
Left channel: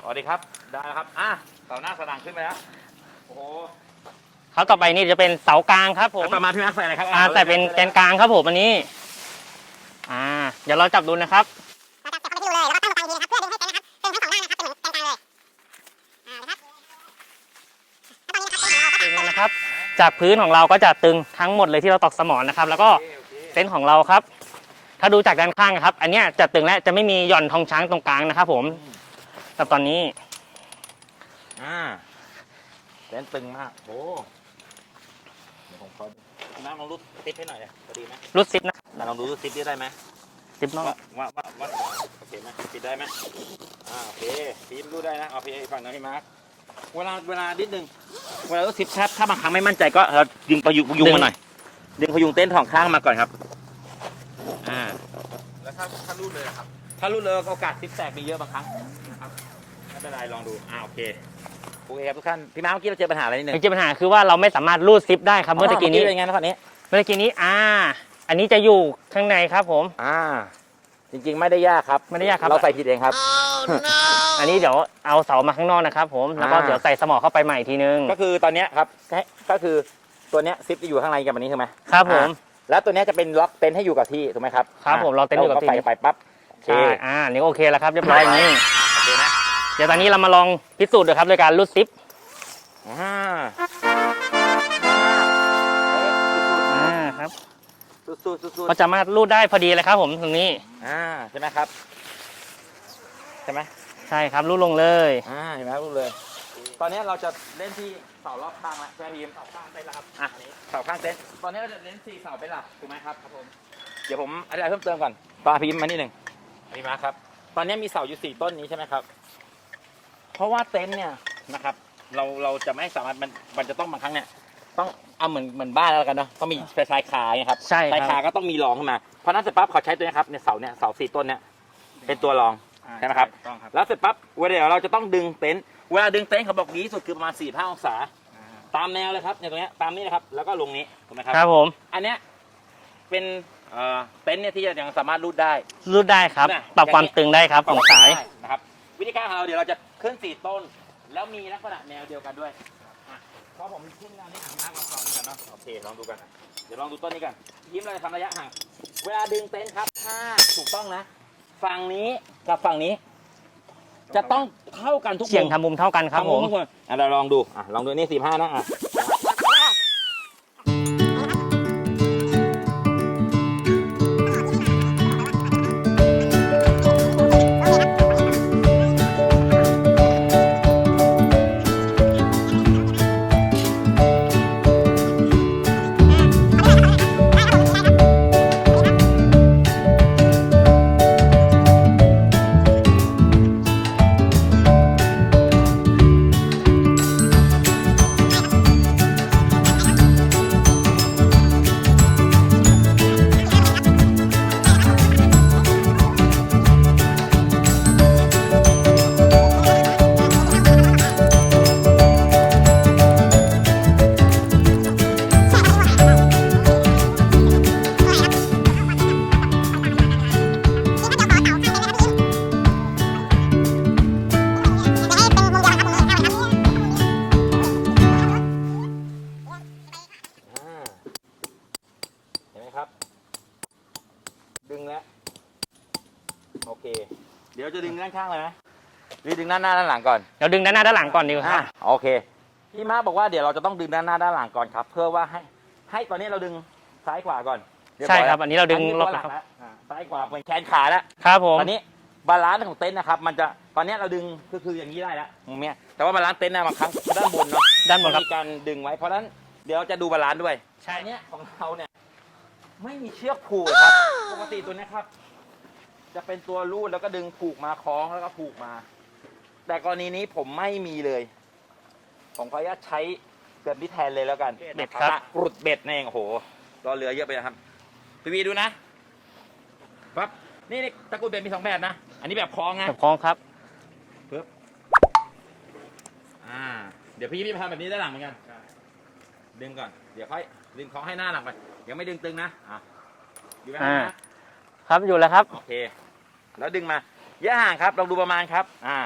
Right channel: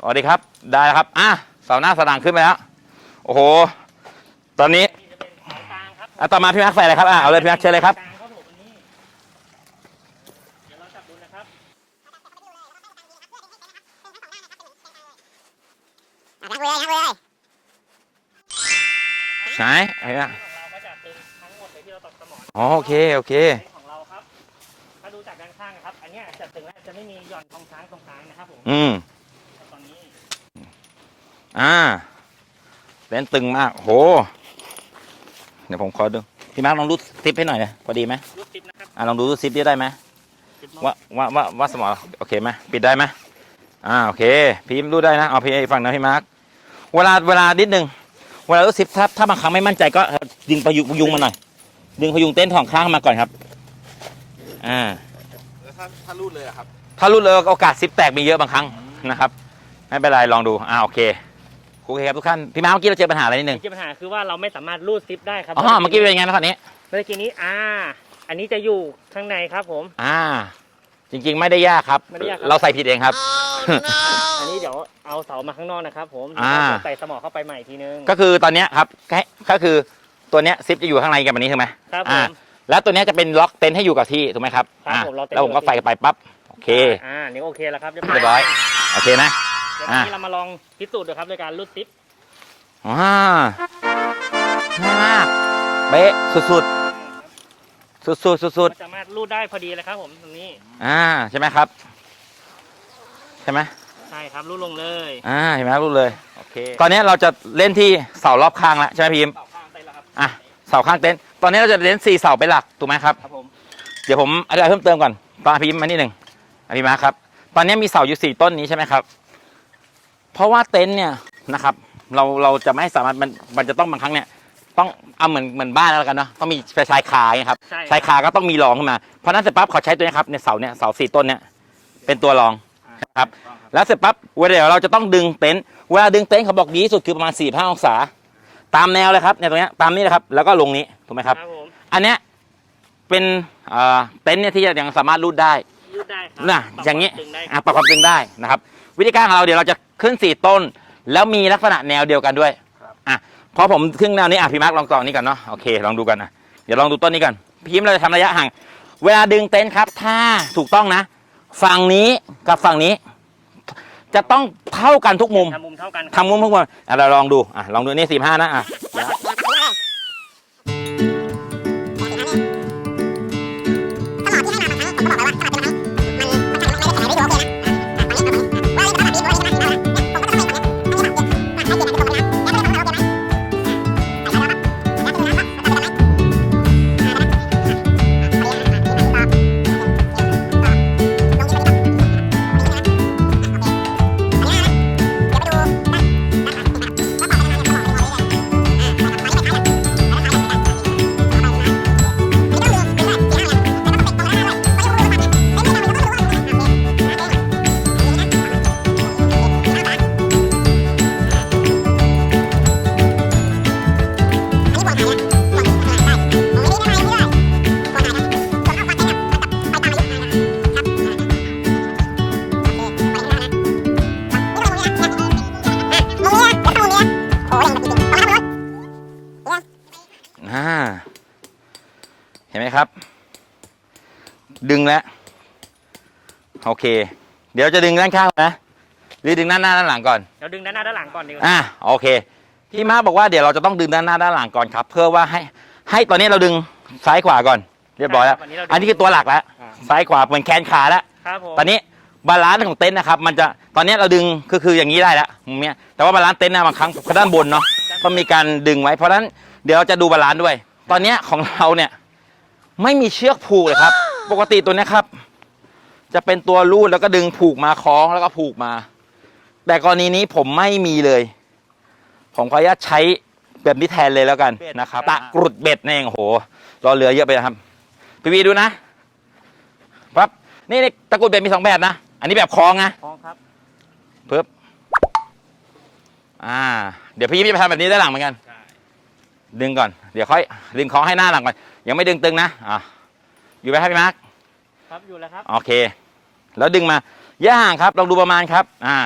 Speaker 1: สวัสดีครับได้แล้วครับอะเสาหน้าสด่างขึ้นไปแล้วโอ้โห
Speaker 3: ครับ
Speaker 1: ตอนนี้
Speaker 3: ต่อไปนี่จะเป็นเสากลางครับผม
Speaker 1: อะต่อมาพี่แม็กซ์ใส่อะไรครับอ่าเอาเลยพี่แม็กซ์เชิญเลยครับ
Speaker 3: แกนกลางครับผมอันนี้ อ่า เดี๋ยวเราจับดูนะครับตึงนะครับ
Speaker 1: ใช่
Speaker 3: จากพื้นของเราก็จะตึงทั้งหมดเลยที่เราตอกสมอนนะครับ แล้ว
Speaker 1: โอ
Speaker 3: ก็
Speaker 1: เคโอเค
Speaker 3: เต็นท์ของเราครับ ถ้าดูจากด้านข้างนะครับ อันเนี้ยจะตึงและจะไม่มีหย่อนทองช้างตรงกลางนะครับผม
Speaker 1: อืม
Speaker 3: แต่ตอนนี้
Speaker 1: อ่าเต้นตึงมากโห เดี๋ยวผมขอดู พี่มาร์คลองรูดซิปให้หน่อยนะพอดีไหม
Speaker 3: รูดซิปนะครับ
Speaker 1: อะลองดูรูดซิปได้ไหม
Speaker 3: ซิปนอก
Speaker 1: ว่าว่าว่าว่าสมอโอเคไหมปิดได้ไหมอ่าโอเคพี่รู้ได้นะเอาพี่ฟังนะพี่มาร์คเวลาเวลานิดนึงเวลารู้สิบถ้าถ้าบางครั้งไม่มั่นใจก็เราดึงประยุงพยุงมาหน่อยดึงพยุงเต้นท์ของข้างมาก่อนครับ อ่า
Speaker 2: แล้วถ้าถ้ารูดเลยนะครับ
Speaker 1: ถ้ารุดเลยโอกาสซิปแตกมีเยอะบางครั้งนะครับไม่เป็นไรลองดูอ่าโอเคโอเคครับทุกท่านพี่มาร์คเมื่อกี้เราเจอปัญหาอะไรนิดนึง
Speaker 3: จริงๆปัญหาคือว่าเราไม่สามารถรูดซิปได้ครับ
Speaker 1: อ๋
Speaker 3: เมื่อ
Speaker 1: อเมื่อ
Speaker 3: กี้
Speaker 1: กี้เป็น
Speaker 3: นี้
Speaker 1: ไงนะตอนนี้
Speaker 3: เมื่อกี้นี้อ่า อันนี้จะอยู่ข้างในครับผม
Speaker 1: อ่า จริงๆไม่ได้ยากครับ
Speaker 3: ไม่ได้ยากครับ
Speaker 1: เราใส่ผิดเองครับ
Speaker 3: อันนี้เดี๋ยวเอาเสามาข้างนอกนะครับ ผมแล้วก็
Speaker 1: อ่า
Speaker 3: เดี๋ยวใส่สมอเข้าไปใหม่อีกทีนึง
Speaker 1: ก็คือตอนเนี้ยครับแค่ก็คือตัวเนี้ยซิปจะอยู่ข้างในกับอันนี้ใช่ไหม
Speaker 3: ครับผม
Speaker 1: อ่า แล้วตัวเนี้ยจะเป็นล็อกเต็นท์ให้อยู่กับที่ถูกไหมครับ
Speaker 3: ครับ
Speaker 1: อ่า
Speaker 3: ผมล็อกเต็นท์
Speaker 1: แล้วผมก็
Speaker 3: อยู่กับที่
Speaker 1: ใส่ไปปั๊บโอเค
Speaker 3: อ่าอ่านี่ก็โอเคแล้วครับเรียบร้อย
Speaker 1: โอเคนะ
Speaker 3: เดี๋ยวตอนนี้เรามาลองพิสูจน์ดูครับโดยการรูดซิป
Speaker 1: ว้าน่ามากเป๊ะสุด
Speaker 3: อ่าครับ
Speaker 1: ๆสุดๆสุด
Speaker 3: ก็จะมารูดได้พอดีเลยครับผมตรงนี้
Speaker 1: ๆอ่าใช่ไหมครับ ใช่ไหม
Speaker 3: ใช่ครับรูดลงเลย
Speaker 1: อ่าเห็นไหมครับรู้เลยตอนนี้เราจะเล่นที่เสารอบข้างแล้วใช่ไหมพีมอะเสาข้างเต็นท์ ตอนนี้เราจะเล่นสี่เสาเป็นหลักถูกไหมครับ
Speaker 2: ครับผม
Speaker 1: เดี๋ยวผมอธิบายเพิ่มเติมก่อนปาพิมพ์มานิดหนึ่งอภิมาครับ ตอนนี้มีเสาอยู่สี่ต้นนี้ใช่ไหมครับ เพราะว่าเต็นท์เนี่ยนะครับ เราเราจะไม่สามารถมันมันจะต้องบางครั้งเนี่ย ต้องเอาเหมือนเหมือนบ้านแล้วกันเนาะเขามีไฟชายคาไงครับ
Speaker 3: ใช่
Speaker 1: ชายคาก็ต้องมีรองขึ้นมาเพราะฉะนั้นเสร็จปั๊บเขาใช้ตัวนี้ครับเนี่ยเสาเนี่ยเสาสี่ต้นเนี่ยเป็นตัวรอง
Speaker 2: อ่า
Speaker 1: ใช่ไหมครับ
Speaker 2: ถูกต้องครับ
Speaker 1: แล้วเสร็จปั๊บเวลาเดี๋ยวเราจะต้องดึงเต็นท์เวลาดึงเต็นท์เขาบอกดีที่สุดคือประมาณ4ี่ห้าองศา ตามแนวเลยครับเนี่ยตรงเนี้ยตามนี้นะครับ แล้วก็ลงนี้ ถูกไหมครับ
Speaker 3: ครับผม
Speaker 1: อันเนี้ยเป็นเอ่อเต็นท์เนี่ยที่ยังสามารถรูดได้
Speaker 3: รูดได้ครับ
Speaker 1: น่ะ
Speaker 3: ปรับ
Speaker 1: อย่
Speaker 3: ความ
Speaker 1: นี้
Speaker 3: ตึงได้ครับ
Speaker 1: ปรับความตึงได้นะครับ วิธีการของเราเดี๋ยวเราจะขึ้น4ต้น แล้วมีลักษณะแนวเดียวกันด้วยอะพอผมขึ้นแนวนี้อะพี่มาร์คลองต่อนี้ก่อนเนาะโอเคลองดูกันนะเดี๋ยวลองดูต้นนี้ก่อนพี่ยิ้มเราจะทำระยะห่าง เวลาดึงเต็นท์ครับ ถ้าถูกต้องนะ ฝั่งนี้กับฝั่งนี้ จะต้องเท่ากันทุก
Speaker 3: เฉี
Speaker 1: มุ
Speaker 3: ยง
Speaker 1: ม
Speaker 3: ทำมุมเท่ากันครับ
Speaker 1: ทำมุม
Speaker 3: ผ
Speaker 1: ทุกมุมอะเราลองดูอะลองดูนี่สี่ห้านะอะ ดึงแล้ว โอเค เดี๋ยวจะดึงด้านข้างก่อนนะหรือดึงด้านหน้าด้านหลังก่อน
Speaker 3: เดี๋ยวดึงด้านหน้าด้านหลังก่อนดีกว่า
Speaker 1: อ่าโอเคพี่มาบอกว่าเดี๋ยวเราจะต้องดึงด้านหน้าด้านหลังก่อนครับ เพื่อว่าให้ ให้ตอนนี้เราดึงซ้ายขวาก่อน เรียบร้อย
Speaker 3: ใช่
Speaker 1: แล้
Speaker 3: ควบอันนี้เราดึง
Speaker 1: อันนี้คือตัวหลักแล้ว
Speaker 2: อ่า
Speaker 1: ซ้ายขวาเหมือนแขนขาแล้ว
Speaker 3: ครับผม
Speaker 1: ตอนนี้บาลานซ์ของเต็นท์นะครับ มันจะตอนนี้เราดึงคือคืออย่างนี้ได้แล้วมุมเนี้ยแต่ว่าบาลานซ์เต็นท์นะบางครั้งด้านบนเนาะ
Speaker 3: ด้านบ
Speaker 1: มันนมีการดึงไว้ เพราะฉะนั้นเดี๋ยวเราจะดูบาลานซ์ด้วย ตอนเนี้ยของเราเนี่ยไม่มีเชือกผูกเลยครับ ปกติตัวเนี้ยครับ จะเป็นตัวรูดแล้วก็ดึงผูกมาคล้องแล้วก็ผูกมา แต่กรณีนี้ผมไม่มีเลย ผมขออนุญาตใช้แบบนี้แทนเลยแล้วกันนะครับ ตะกรุดเบ็ดนี่เองโอ้โหรอเรือเยอะไปนะครับพี่วีดูนะปั๊บนี่นี่ตะกรุดเบ็ดมีสองแบบนะ อันนี้แบบคล้องนะ
Speaker 3: คล้องครับ
Speaker 1: ปึ๊บอ่า เดี๋ยวพี่ยิ้มจะไปทำแบบนี้ด้านหลังเหมือนกัน ดึงก่อน เดี๋ยวค่อย ดึงคล้องให้หน้าหลังก่อน ยังไม่ดึงตึงนะ อะ อยู่ไหมครับพี่มาร์ค
Speaker 3: ครับอยู่แล้วครับ
Speaker 1: โอเค แล้วดึงมาย่าห่างครับลองดูประมาณครับ อ่า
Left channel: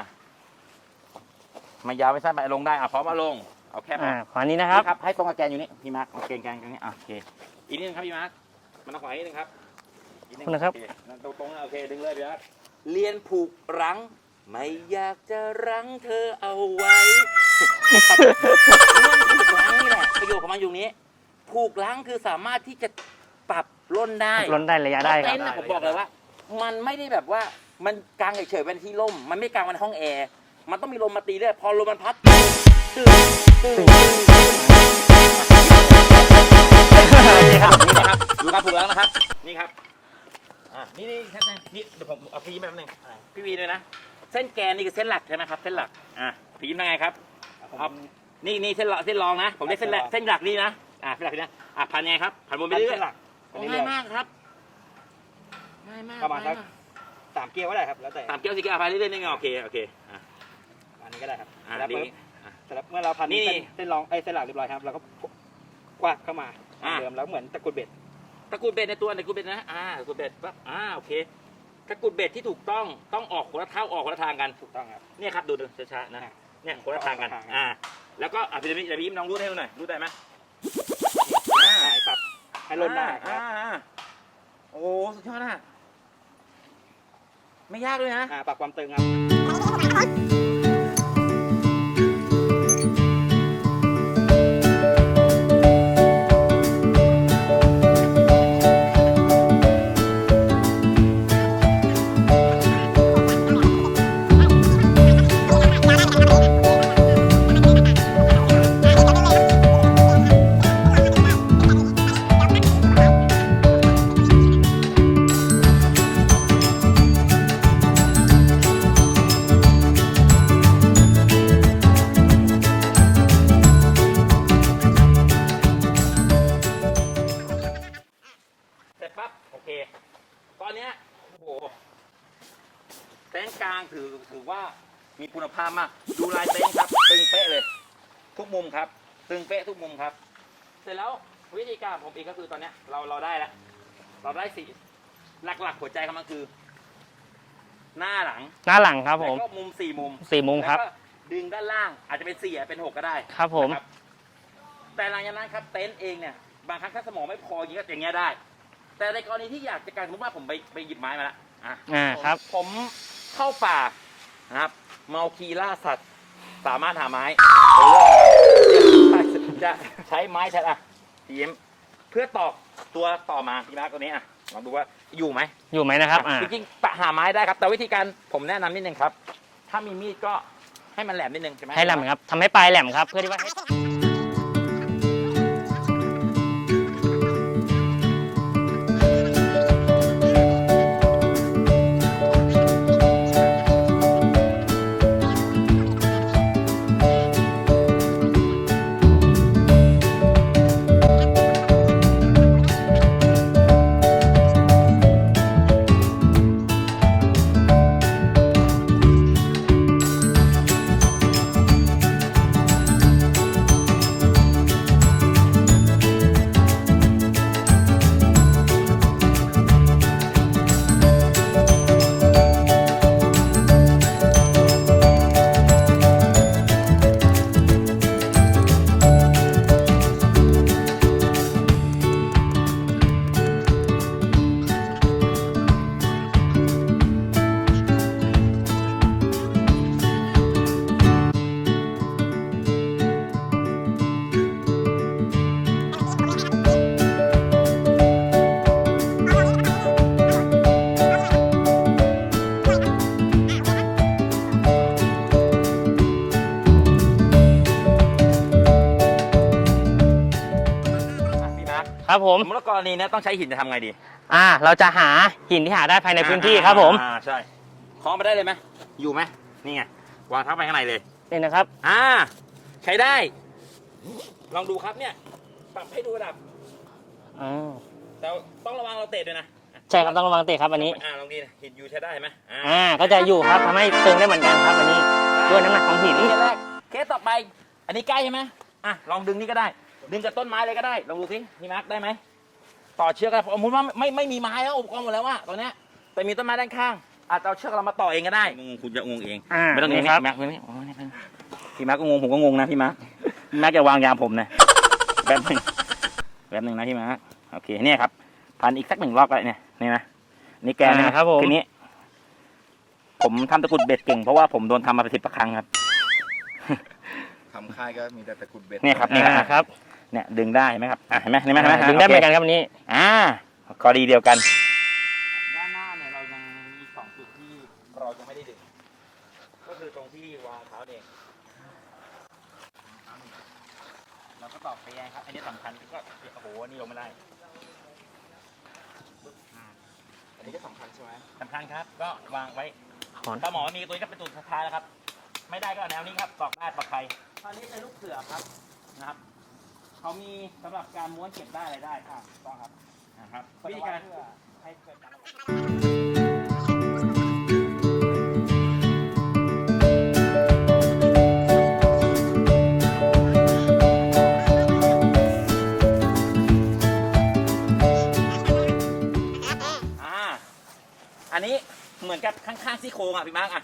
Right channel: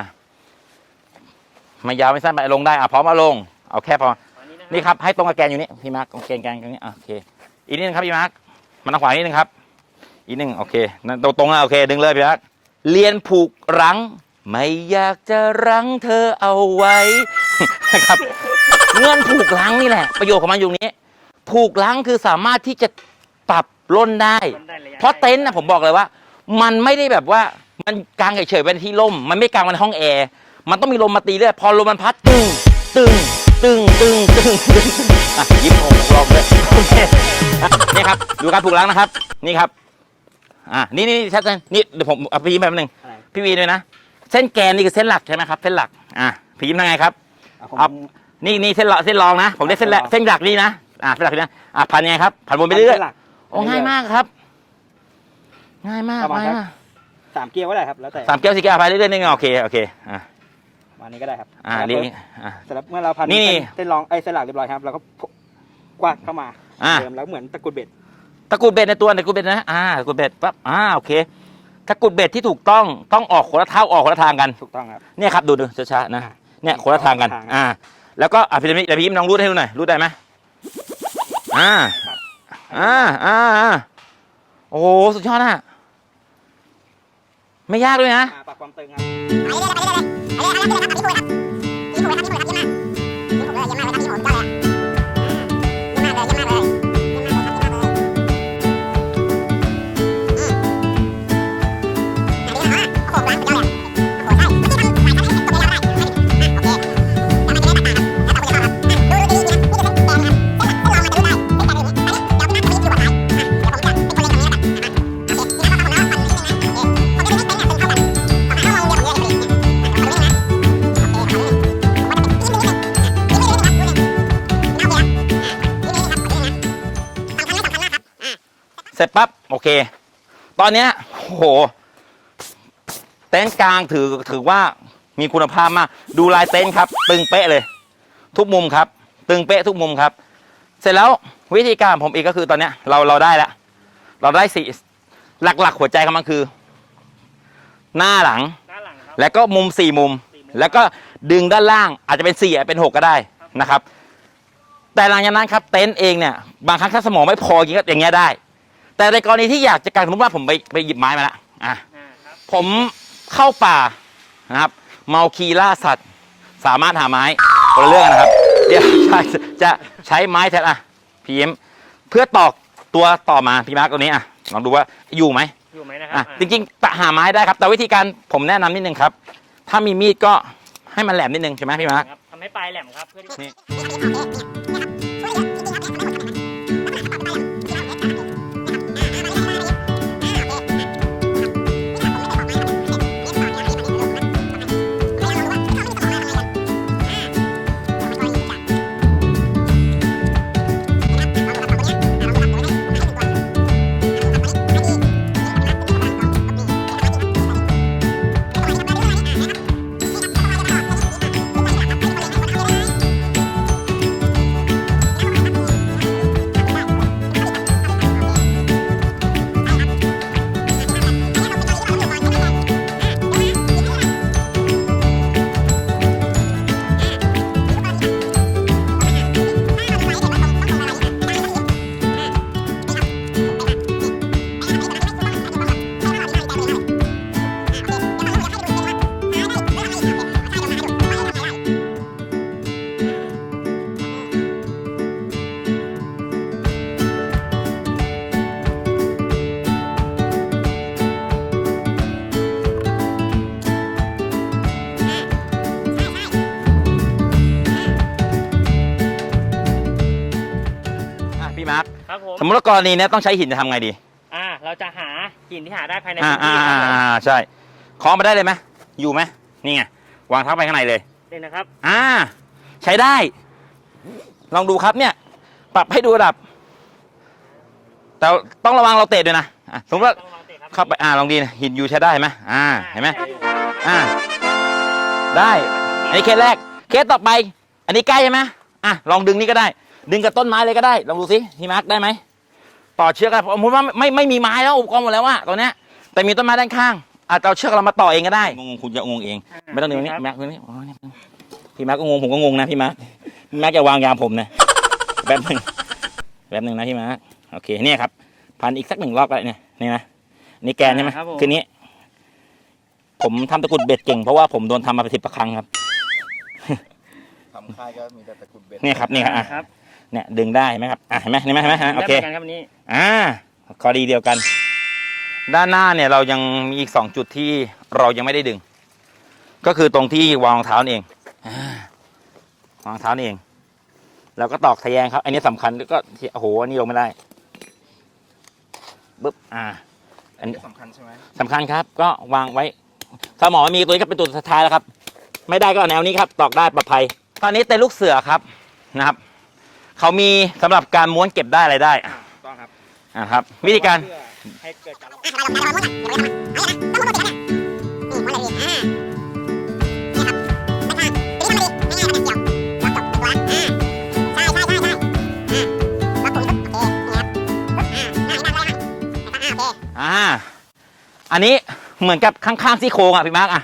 Speaker 1: ไม่ยาวไม่สั้นไปลงได้อะพร้อมเอาลงเอาแค่พอ
Speaker 3: อ่าขวานี้นะครั
Speaker 1: นี่ครับให้ตรงกับแกนอยู่นี่พี่มาร์คโอเคแกนตรงนี้อะโอเค อีกนิดนึงครับพี่มาร์คมันทางขวานิดนึงครับ อีกนิดนึงโอเคนั่นตรงตรงๆอะโอเค ดึงเลยพี่มาร์คเรียนผูกรั้ง ไม่อยากจะรั้งเธอเอาไว้นะครับเงื่อนผูกรั้งนี่แหละ ประโยชน์ของมันอยู่นี้ ผูกรั้งคือสามารถที่จะปรับ ล่นได้
Speaker 3: ล้นได้ระยะ
Speaker 1: เพราะ
Speaker 3: ได้
Speaker 1: เต็นท์
Speaker 3: ค
Speaker 1: นะ
Speaker 3: บ
Speaker 1: ผมบอกเลยว่า มันไม่ได้แบบว่ามันกางเฉยๆเป็นที่ร่ม มันไม่กางเป็นห้องแอร์มันต้องมีลมมาตีเรื่อยพอลมมันพัดตึงตึงตึงตึงตึงอะยิ้มนี่ครับนี่ครับดูการผูกล้างนะครับ นี่ครับ อะนี่นี่ชัดเลยนี่เดี๋ยวผมเอาพี่ยิ้มแป๊บนึง
Speaker 2: อะไร
Speaker 1: พี่วีด้วยนะเส้นแกนนี่คือเส้นหลักใช่ไหมครับเส้นหลักอะพี่ยิ้มยังไงครับ
Speaker 2: อะผม
Speaker 1: เอานี่นี่เส้นหลักเส้นรองนะ ผมได้เส้นแรกเส้นหลักนี่นะอะเส้นหลักนี่นะอะพันยังไงครับ พันบนไปเรื่อย
Speaker 2: ส้นหลัก
Speaker 1: ๆ โอ้ง่ายมากครับ ง่ายมาก
Speaker 2: ประมาณ
Speaker 1: ง่าย
Speaker 2: สัก
Speaker 1: มาก
Speaker 2: สามเกียร์ก็ได้ครับ แล้วแต่
Speaker 1: สามแก้วสี่แก้วไปเรื่อยๆนี่ไงโอเคโอเคอะ
Speaker 2: ประมาณนี้ก็ได้ครับ
Speaker 1: อ่า
Speaker 2: แล้ว
Speaker 1: นี่
Speaker 2: ปุ๊บ
Speaker 1: นี่อะ
Speaker 2: เสร็จแล้วเมื่อเราพัน
Speaker 1: นี่นี่
Speaker 2: เส้เส้นรองไอ้ยเส้นหลักเรียบร้อยครับเราก็กวาดเข้ามา
Speaker 1: อะ
Speaker 2: เดิมแล้วเหมือนตะกรุดเบ็ด
Speaker 1: ตะกรุดเบ็ดในตัวตะกรุดเบ็ดนะอ่าตะกรุดเบ็ดปั๊บอ่าโอเคตะกรุดเบ็ดที่ถูกต้องต้องออกคนละเท้าออกคนละทางกัน
Speaker 2: ถูกต้องครับ
Speaker 1: เนี่ยครับดูดูช้าๆนะเนี่ยคนละทางกัน
Speaker 2: คนละทาง
Speaker 1: อ่า แล้วก็อะพี่พี่พี่ยิ้มลองรูดให้ดูหน่อยรูดได้ไหมอ่า อ่าอ่าอ่าโอ้โหสุดยอดอะ ไม่ยากด้วยนะ
Speaker 2: อ่าปรับความตึงครับ
Speaker 1: เต็นท์กลางถือถือว่ามีคุณภาพมาก ดูลายเต็นท์ครับ ตึงเป๊ะเลย ทุกมุมครับ ตึงเป๊ะทุกมุมครับ เสร็จแล้ววิธีการของผมอีกก็คือตอนเนี้ยเราเราได้แล้วเราได้สี่หลักๆ หัวใจของมันคือ หน้าหลัง
Speaker 3: หน้าหลังครับผม
Speaker 1: แล้วก็มุมสี่มุม
Speaker 3: สี่มุม
Speaker 1: แล้วก็ดึงด้านล่างอาจจะเป็นสี่อาจจะเป็นหกก็ได้
Speaker 3: ครับผม
Speaker 1: นะครับ แต่หลังจากนั้นครับเต็นท์เองเนี่ยบางครั้งถ้าสมองไม่พออย่างเงี้ยก็อย่างเงี้ยได้ แต่ในกรณีที่อยากจะการสมมติว่าผมไปไปหยิบไม้มาแล้วอะ
Speaker 3: อ่าครับ
Speaker 1: ผมเข้าป่านะครับ เมาคีล่าสัตว์ สามารถหาไม้คนละเรื่องนะครับเดี๋ยวจะใช้ไม้แทนอะพีเอ็มเพื่อตอกตัวต่อมาพี่มาร์กตัวนี้อะลองดูว่าอยู่ไหม
Speaker 3: อยู่ไหมนะครับ
Speaker 1: อะ
Speaker 3: อ่า
Speaker 1: จริงๆปะหาไม้ได้ครับ แต่วิธีการผมแนะนำนิดนึงครับ ถ้ามีมีดก็ให้มันแหลมนิดนึงใช่ไหม
Speaker 3: ให้
Speaker 1: ให้
Speaker 3: แหล
Speaker 1: มัน
Speaker 3: มครับทำให้ปลายแหลมครับ เพื่อที่ว่า
Speaker 1: กรณีเนี้ยต้องใช้หินจะทำไงดี
Speaker 3: อ่าเราจะหาหินที่หาได้ภายในพื้นที่ครับผม
Speaker 1: อ่าใช่คล้องไปได้เลยไหมอยู่ไหมนี่ไงวางเท้าไปข้างในเลย
Speaker 3: นี่นะครับ
Speaker 1: อ่า ใช้ได้ ลองดูครับเนี่ย ปรับให้ดูระดับ
Speaker 3: อ่า
Speaker 1: แต่ต้องระวังเราเตะด้วยนะอะสม
Speaker 3: ใช่
Speaker 1: มติว่า
Speaker 3: ต้องระวังเตะครับอัน
Speaker 1: เข้า
Speaker 3: นี้
Speaker 1: ไปอ่าลองดีนะหินอยู่ใช้ได้ไหมอ่า
Speaker 3: อ่า
Speaker 1: เห็น
Speaker 3: ก็
Speaker 1: ไหม
Speaker 3: จะอยู่ครับทำให้
Speaker 1: อ่า
Speaker 3: เดินได้เหมือนกันครับอันนี้
Speaker 1: ได้
Speaker 3: ด้วยน้ำหนักของหิน
Speaker 1: อันนี้เคสแรกเคสต่อไป อันนี้ใกล้ใช่ไหมอะลองดึงนี่ก็ได้ ดึงกับต้นไม้เลยก็ได้ ลองดูสิพี่มาร์คได้ไหม ต่อเชือกกันผมว่าไม่ไม่มีไม้แล้วอุปกรณ์หมดแล้วอะตอนเนี้ยแต่มีต้นไม้ด้านข้างอาจจะเอาเชือกเรามาต่อเองก็ได้งงคุณจะงงเอง
Speaker 3: อ่า
Speaker 1: ไม่ต้องงงนี่
Speaker 3: ครับ
Speaker 1: แม็กนี่พี่มาร์คก็งงผมก็งงนะพี่มาร์คพี่มาร์คจะวางยาผมนะแป๊บหนึงแป๊บหนึงนะพี่มาร์คโอเคเนี่ยครับพันอีกสักหนึ่งรอบก็ได้เนี่ยนี่นะนี่แกนนี่นะครับ
Speaker 3: ผม
Speaker 1: คืนนี้ ผมทำตะกรุดเบ็ดเก่งเพราะว่าผมโดนทำมาเป็นสิบครั้งครับ
Speaker 4: ทำค่ายก็มีแต่ตะกรุดเบ็ด
Speaker 1: เนี่ยครับเนี่ย
Speaker 3: อ่าครับ
Speaker 1: เนี่ยดึงได้เห็นไหมครับอะเห็นไหมเห็นไหมเห็นไหม
Speaker 3: ดึงได้
Speaker 1: โอ
Speaker 3: เห
Speaker 1: เค
Speaker 3: มือนกันครับอันนี้
Speaker 1: อ่าข้อดีเดียวกัน ด้านหน้าเนี่ยเรายังมีอีกสองจุดที่เรายังไม่ได้ดึง ก็คือตรงที่วางรองเท้านี่เองอ่าวางรองเท้านี่เอง แล้วก็ตอกทะแยงครับ อันนี้สำคัญแล้วก็โอ้โหอันนี้ลงไม่ได้ปึ๊บอ่า อันนี้
Speaker 4: นี่สำคัญใช่ไหม
Speaker 1: สำคัญครับ ก็วางไว้ถ้าหมอไม่มีตัวนี้ก็เป็นตัวสุดท้ายแล้วครับ ไม่ได้ก็เอาแนวนี้ครับ ตอกได้ปลอดภัย ตอนนี้เต็นท์ลูกเสือครับนะครับ เขามีสำหรับการม้วนเก็บได้อะไรได้อะ
Speaker 2: ต้องครับ
Speaker 1: อะครับ วิธีการ
Speaker 2: เพื่อให้เกิดการ
Speaker 1: อ่าอันนี้เหมือนกับข้างๆซี่โครงอะพี่มาร์กอะ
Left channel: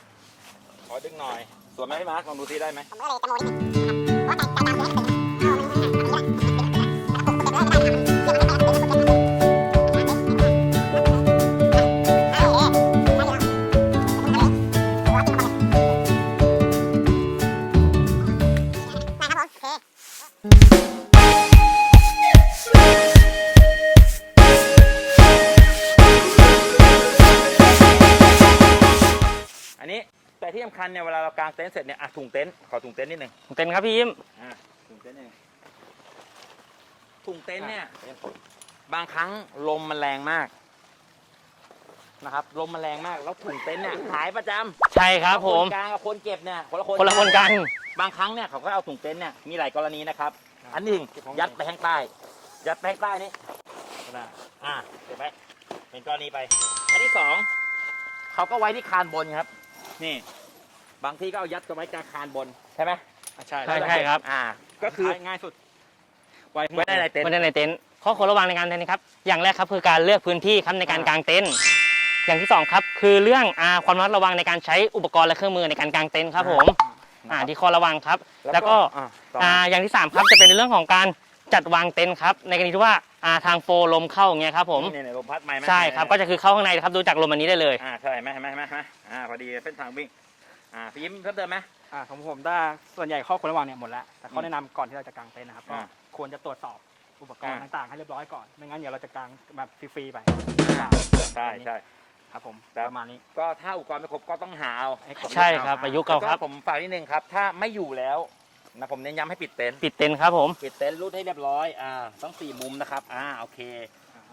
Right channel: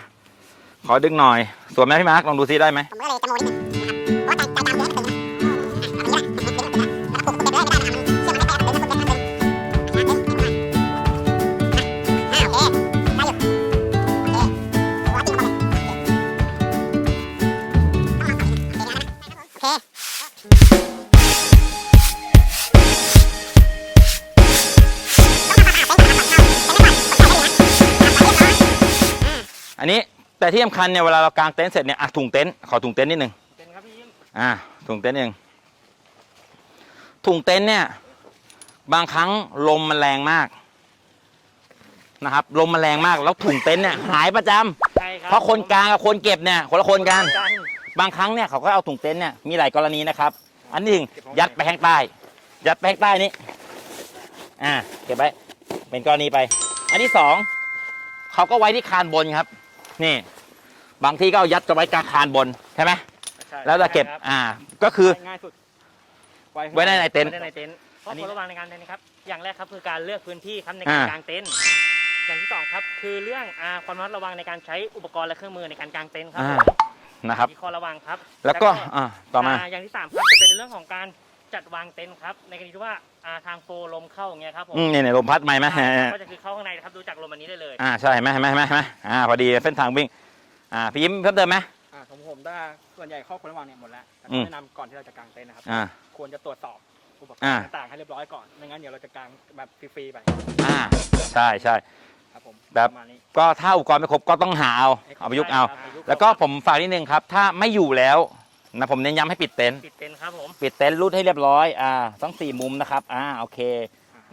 Speaker 1: ขอดึงหน่อยสวยไหมพี่มาร์กลองดูซิได้ไหมอัน แต่ที่สำคัญเนี่ยเวลาเรากางเต็นท์เสร็จเนี่ยอะถุงเต็นท์ขอถุงเต็นท์นิดนึง
Speaker 3: เต็นครับพี่ยิ้ม
Speaker 1: อ่าถุงเต็นท์เองถุงเต็นท์เนี่ยบางครั้งลมมันแรงมากนะครับลมมันแรงมากแล้วถุงเต็นท์เนี่ยหายประจำ
Speaker 3: ใช่ครับ
Speaker 1: เพราะคน
Speaker 3: ผม
Speaker 1: กลางกับคนเก็บเนี่ยคนละค
Speaker 3: คนนละ
Speaker 1: กั
Speaker 3: คนนกัน
Speaker 1: บางครั้งเนี่ยเขาก็เอาถุงเต็นท์เนี่ยมีหลายกรณีนะครับ อันที่หนึ่งยัดไปข้างใต้ ยัดไปข้างใต้นี้อ่าเก็บไว้เป็นกรณีไป อันที่สองเขาก็ไว้ที่คานบนครับ นี่ บางที่ก็เอายัดกันไว้กลางคานบนใช่ไหม
Speaker 2: ใช่
Speaker 1: แล้วเราเก็บ
Speaker 3: ใช่ครับ
Speaker 1: อ่า ก็คือ
Speaker 2: ง่ายสุด
Speaker 1: ไว้ในในเต็นท์
Speaker 3: ไม่ได้ในเต็นท์ข้อควรระวังในการเต็นท์นะครับ อย่างแรกครับคือการเลือกพื้นที่ครับในการ
Speaker 1: อ่ากา
Speaker 3: งเต็นท์ อย่างที่สองครับคือเรื่องอาความระมัดระวังในการใช้อุปกรณ์และเครื่องมือในการกางเต็นท์ครับผม
Speaker 1: นะครับ
Speaker 3: อ่าที่ข้อระวังครับ
Speaker 1: แล้วก็อ่าต่อมา
Speaker 3: อ่าอย่างที่สามครับจะเป็นในเรื่องของการจัดวางเต็นท์ครับในกรณีที่ว่าอ่าทางโฟลมเข้าอย่างเงี้ยครับผม
Speaker 1: อืมเนี่ยเนี่ยลมพัดไหมไหม
Speaker 3: ใช่ครับก็จะคือเข้าข้างในนะครับดูจากลมอันนี้ได้เลย
Speaker 1: อ่าใช่ไหมไหมไหมไหมอ่าพอดีเส้นทางวิ่ง อ่าพี่ยิ้มเพิ่มเติมไหม
Speaker 2: อ่าของผมได้ส่วนใหญ่ข้อควรระวังเนี่ยหมดแล้วแต่
Speaker 1: อื
Speaker 2: ข้อ
Speaker 1: ม
Speaker 2: แนะนำก่อนที่เราจะกางเต็นท์นะครับ
Speaker 1: อ่า
Speaker 2: ควรจะตรวจสอบอุปกร
Speaker 1: อ่า
Speaker 2: ณ์ต่างๆให้เรียบร้อยก่อนไม่งั้นเดี๋ยวเราจะกางแบบฟรีๆไป
Speaker 1: อ่าใช่ใช่
Speaker 2: ครับผม
Speaker 1: แบบ
Speaker 2: ประมาณนี้
Speaker 1: ก็ถ้าอุปกรณ์ไม่ครบก็ต้องหาเอาเอาประยุก
Speaker 3: ใช่
Speaker 1: ต์เอา
Speaker 3: ครับประยุกต์
Speaker 1: แล้ว
Speaker 3: เอา
Speaker 1: ก็
Speaker 3: ครับ
Speaker 1: ผมฝากนิดนึงครับ ถ้าไม่อยู่แล้วนะผมเน้นย้ำให้ปิดเต็นท์
Speaker 3: ปิดเต็นท์ครับผม
Speaker 1: ปิดเต็นท์รูดให้เรียบร้อยอ่าทั้งสี่มุมนะครับอ่าโอเค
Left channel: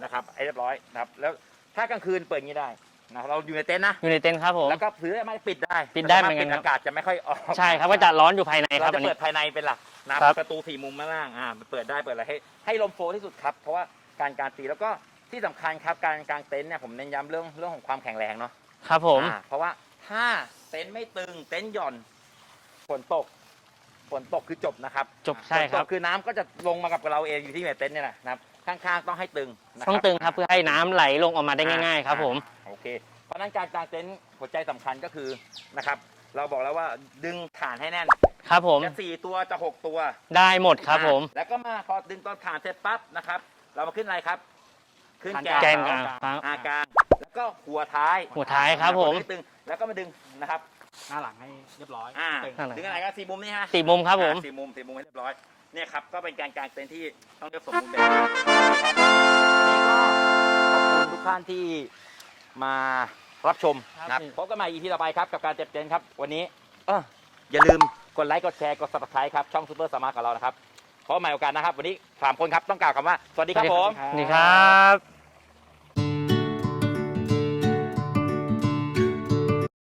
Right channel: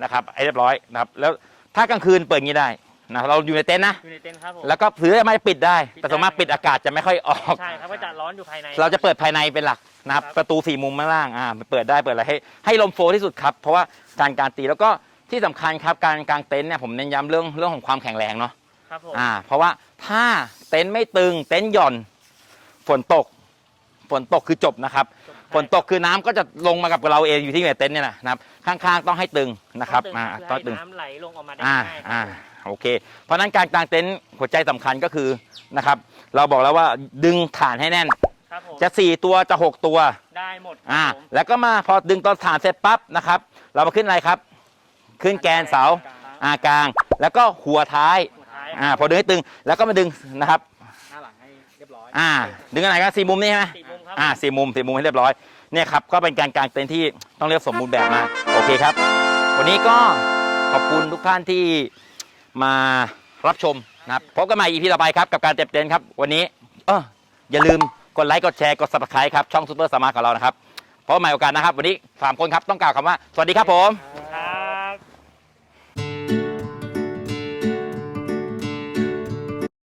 Speaker 1: นะครับให้เรียบร้อยนะครับแล้วถ้ากลางคืนเปิดอย่างนี้ได้ นะเราอยู่ในเต็นท์นะ
Speaker 3: อยู่ในเต็นท์ครับผม
Speaker 1: แล้วก็เผื่อไม่ปิดได้
Speaker 3: ปิด
Speaker 1: แต่
Speaker 3: ได้
Speaker 1: สามารถ
Speaker 3: เหมื
Speaker 1: ปิ
Speaker 3: อ
Speaker 1: ด
Speaker 3: นกัน
Speaker 1: อากาศจะไม่ค่อยออก
Speaker 3: ใช่ครับก็จะร้อนอยู่ภายในคบ
Speaker 1: เราจะเปิด
Speaker 3: อันนี้
Speaker 1: ภายในเป็นหลักนะครับประตูสี่มุมข้างล่างอ่าเปิดได้เปิดอะไรให้ให้ลมโฟลว์ที่สุดครับ เพราะว่าการการตีแล้วก็ที่สำคัญครับการกางเต็นท์เนี่ยผมเน้นย้ำเรื่องเรื่องของความแข็งแรงเนาะ
Speaker 3: ครับผม
Speaker 1: อ่าเพราะว่าถ้าเต็นท์ไม่ตึงเต็นท์หย่อนฝนตก ฝนตกคือจบนะครับ
Speaker 3: จบใช่
Speaker 1: ฝนตก
Speaker 3: ครับ
Speaker 1: คือน้ำก็จะลงมากับเราเองอยู่ที่ในเต็นท์เนี่ยนะครับ ข้างๆต้องให้ตึงนะ
Speaker 3: ต้อ
Speaker 1: ครับ
Speaker 3: งตึงครับเพื่อให้น้ำไหลลงออกมาได้ง่ายๆครับผม
Speaker 1: อ่าโอเค เพราะฉะนั้นการกางเต็นท์หัวใจสำคัญก็คือนะครับ เราบอกแล้วว่าดึงฐานให้แน่น
Speaker 3: ครับผม
Speaker 1: จะสี่ตัวจะหกตัว
Speaker 3: ได้หมดครับ
Speaker 1: อ่า
Speaker 3: ผม
Speaker 1: แล้วก็มาพอดึงตอนฐานเสร็จปั๊บนะครับ เรามาขึ้นอะไรครับ ขึ้นแกนเสา
Speaker 3: ครับ
Speaker 1: อากลาง แล้วก็หัวท้าย
Speaker 3: หัวท้ายค
Speaker 1: อ่า
Speaker 3: รับ
Speaker 1: พอดึงให้ตึงแล้วก็มาดึงนะครับ
Speaker 2: หน้าหลังให้เรียบร้อย
Speaker 1: อ่า ดึงอะไรกันสี่มุมนี่ใช่ไหม
Speaker 3: สี่มุมครับผ
Speaker 1: อ่ามสี่มุมสี่มุมให้เรียบร้อย เนี่ยครับก็เป็นการกางเต็นท์ที่ต้องเรียกสมบูรณ์แบบมากโอเคครับ วันนี้ก็ขอบคุณทุกท่านที่มารับชมนะครับพบกันใหม่ EP ต่อไปครับกับการเต็มเต็นท์ครับ วันนี้เอออย่าลืมกดไลค์กดแชร์กด subscribe ครับช่องซูเปอร์สมาร์ทของเรานะครับพบกันใหม่โอกาสนะครับ วันนี้สามคนครับต้องกล่าวคำว่าสวัสดีครับผม
Speaker 3: นี่ครับ